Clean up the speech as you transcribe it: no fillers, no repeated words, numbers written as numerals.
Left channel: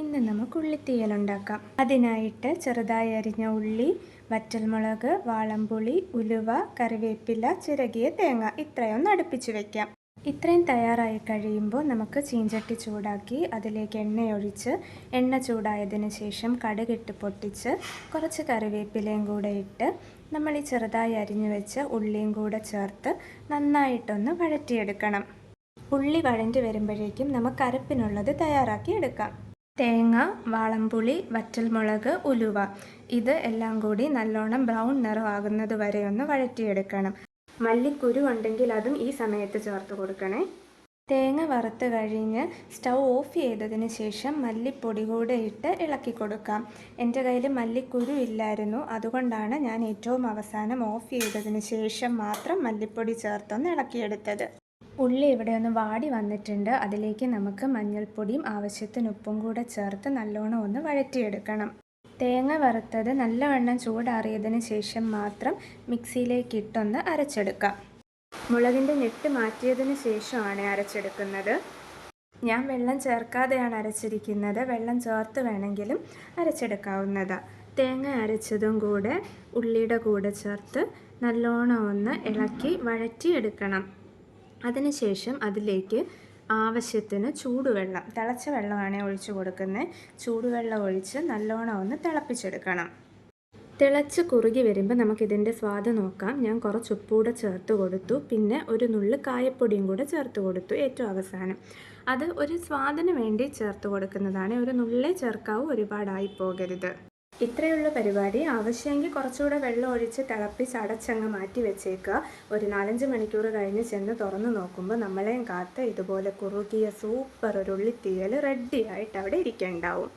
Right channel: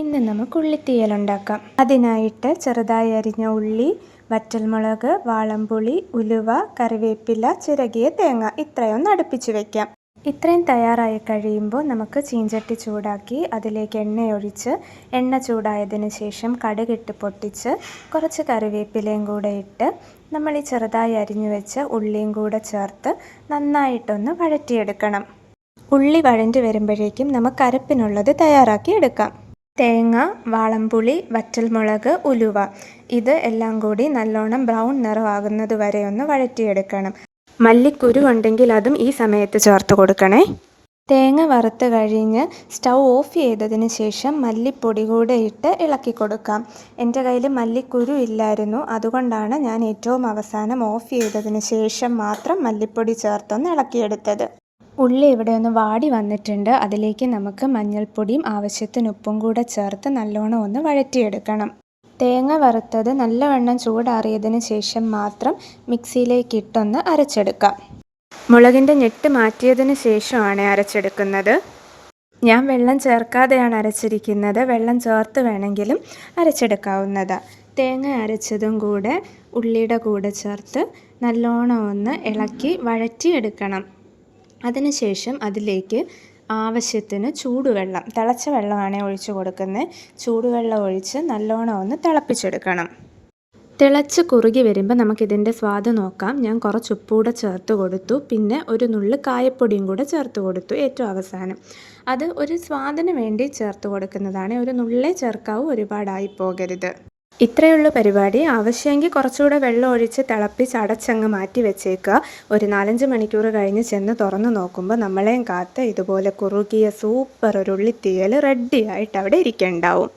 ഇന്ന് നമുക്ക് ഉള്ളിത്തീയൽ ഉണ്ടാക്കാം. അതിനായിട്ട് ചെറുതായി അരിഞ്ഞ ഉള്ളി, വറ്റൽമുളക്, വാളംപുളി, ഉലുവ, കറിവേപ്പില, ചിരകിയ തേങ്ങ ഇത്രയൊന്ന് അടുപ്പിച്ച് വയ്ക്കാം. ഇത്രയും തയ്യാറായി കഴിയുമ്പോൾ നമുക്ക് ചീഞ്ചട്ടി ചൂടാക്കി അതിലേക്ക് എണ്ണയൊഴിച്ച് എണ്ണ ചൂടായതിന് ശേഷം കടുകിട്ട് പൊട്ടിച്ച് കുറച്ച് കറിവേപ്പിലയും കൂടെ ഇട്ട് നമ്മൾ ഈ ചെറുതായി അരിഞ്ഞു വെച്ച ഉള്ളിയും കൂടെ ചേർത്ത് നന്നായിട്ടൊന്ന് വഴറ്റിയെടുക്കണം. ഉള്ളി വഴണ്ടി വരുമ്പോഴേക്കും നമുക്ക് അരപ്പിനുള്ളത് തയ്യാറാക്കി എടുക്കാം. തേങ്ങ, വാളംപുളി, വറ്റൽമുളക്, ഉലുവ ഇത് എല്ലാം കൂടി നല്ലോണം ബ്രൗൺ നിറമാകുന്നത് വരെ ഒന്ന് വഴറ്റിയെടുക്കണം. മല്ലിക്കുരു ഉണ്ടെങ്കിൽ അതും ഈ സമയത്ത് ചേർത്ത് കൊടുക്കണേ. തേങ്ങ വറുത്ത് കഴിഞ്ഞ് സ്റ്റൗ ഓഫ് ചെയ്തതിന് ശേഷം മല്ലിപ്പൊടി കൂടെ ഇട്ട് ഇളക്കി കൊടുക്കാം. എൻ്റെ കയ്യിൽ മല്ലിക്കുരു ഇല്ലായിരുന്നു, അതുകൊണ്ടാണ് ഞാൻ ഏറ്റവും അവസാനം ഓഫ് ചെയ്തതിന് ശേഷം മാത്രം മല്ലിപ്പൊടി ചേർത്തൊന്ന് ഇളക്കിയെടുത്തത്. ഉള്ളി ഇവിടെ ഒന്ന് വാടി വന്നിട്ടുണ്ട്. അതിലേക്ക് നമുക്ക് മഞ്ഞൾപ്പൊടിയും ആവശ്യത്തിന് ഉപ്പും കൂടെ ചേർത്ത് നല്ലോണം ഒന്ന് വഴറ്റിയെടുക്കണം. തേങ്ങ വറുത്തത് നല്ലവണ്ണം ചൂടാറിയതിന് ശേഷം മാത്രം മിക്സിയിലേക്ക് ഇട്ടൊന്ന് അരച്ചെടുക്കാം. മുളകിൻ്റെ ഞെട്ട് മാറ്റിയതിന് ശേഷമാണ് അരച്ചെടുക്കുന്നത്. ഞാൻ വെള്ളം ചേർക്കാതെയാണ് അരച്ചിരിക്കുന്നത്. വെള്ളം ചേർത്ത് വേണമെങ്കിലും അരച്ചെടുക്കാവുന്നതാണ്. തേങ്ങ അരച്ചതും കൂടെ ഉള്ളിയുടെ കൂടെ ചേർത്ത് നല്ലോണം ഒന്ന് ഇളക്കി വഴറ്റിയെടുക്കണം. അതിനുശേഷം അതിലേക്ക് ആവശ്യത്തിന് ചൂടുവെള്ളം, തിളച്ച വെള്ളമാണ് ഒഴിച്ച് കൊടുക്കുന്നത്. ചൂടുവെള്ളം ഒഴിച്ച് നല്ലോണം ഒന്ന് തിളപ്പിച്ചെടുക്കണം. തിളച്ച് കുറുകി വരുമ്പോൾ നമുക്കിതിൻ്റെ സ്വാദ് നോക്കാം. ഞാൻ കുറച്ച് ഉപ്പ് കൂടെ ചേർത്ത് കൊടുത്തു. പിന്നെ ഒരു നുള്ള് കായപ്പൊടിയും കൂടെ ചേർത്ത് കൊടുത്തു ഏറ്റവും അവസാനം. അത് ഒരു സ്വാദിന് വേണ്ടി ചേർത്ത് കൊടുക്കുന്നതാണ്. ഒരു നുള്ളേ ചേർക്കാവൂ, ഒരുപാടായി പോകരുത്. ഇത്രയുള്ള പരിപാടി. ആവശ്യമെങ്കിൽ കുറച്ചുകൂടെ വെള്ളം ഒഴിച്ച് തിളപ്പിച്ച് അടച്ചങ്ങ് മാറ്റി വെച്ചേക്കുക. ഒരു 4-5 മണിക്കൂർ കഴിഞ്ഞ് ചെന്ന് തുറന്ന് നോക്കുമ്പോൾ നമ്മളെയും കാത്ത് ഇതുപോലെ കുറുകിയ സൂപ്പർ ഒരു ഉള്ളിത്തീയൽ റെഡിയായിട്ട് അവിടെ ഇരിക്കുന്നുണ്ടാവും.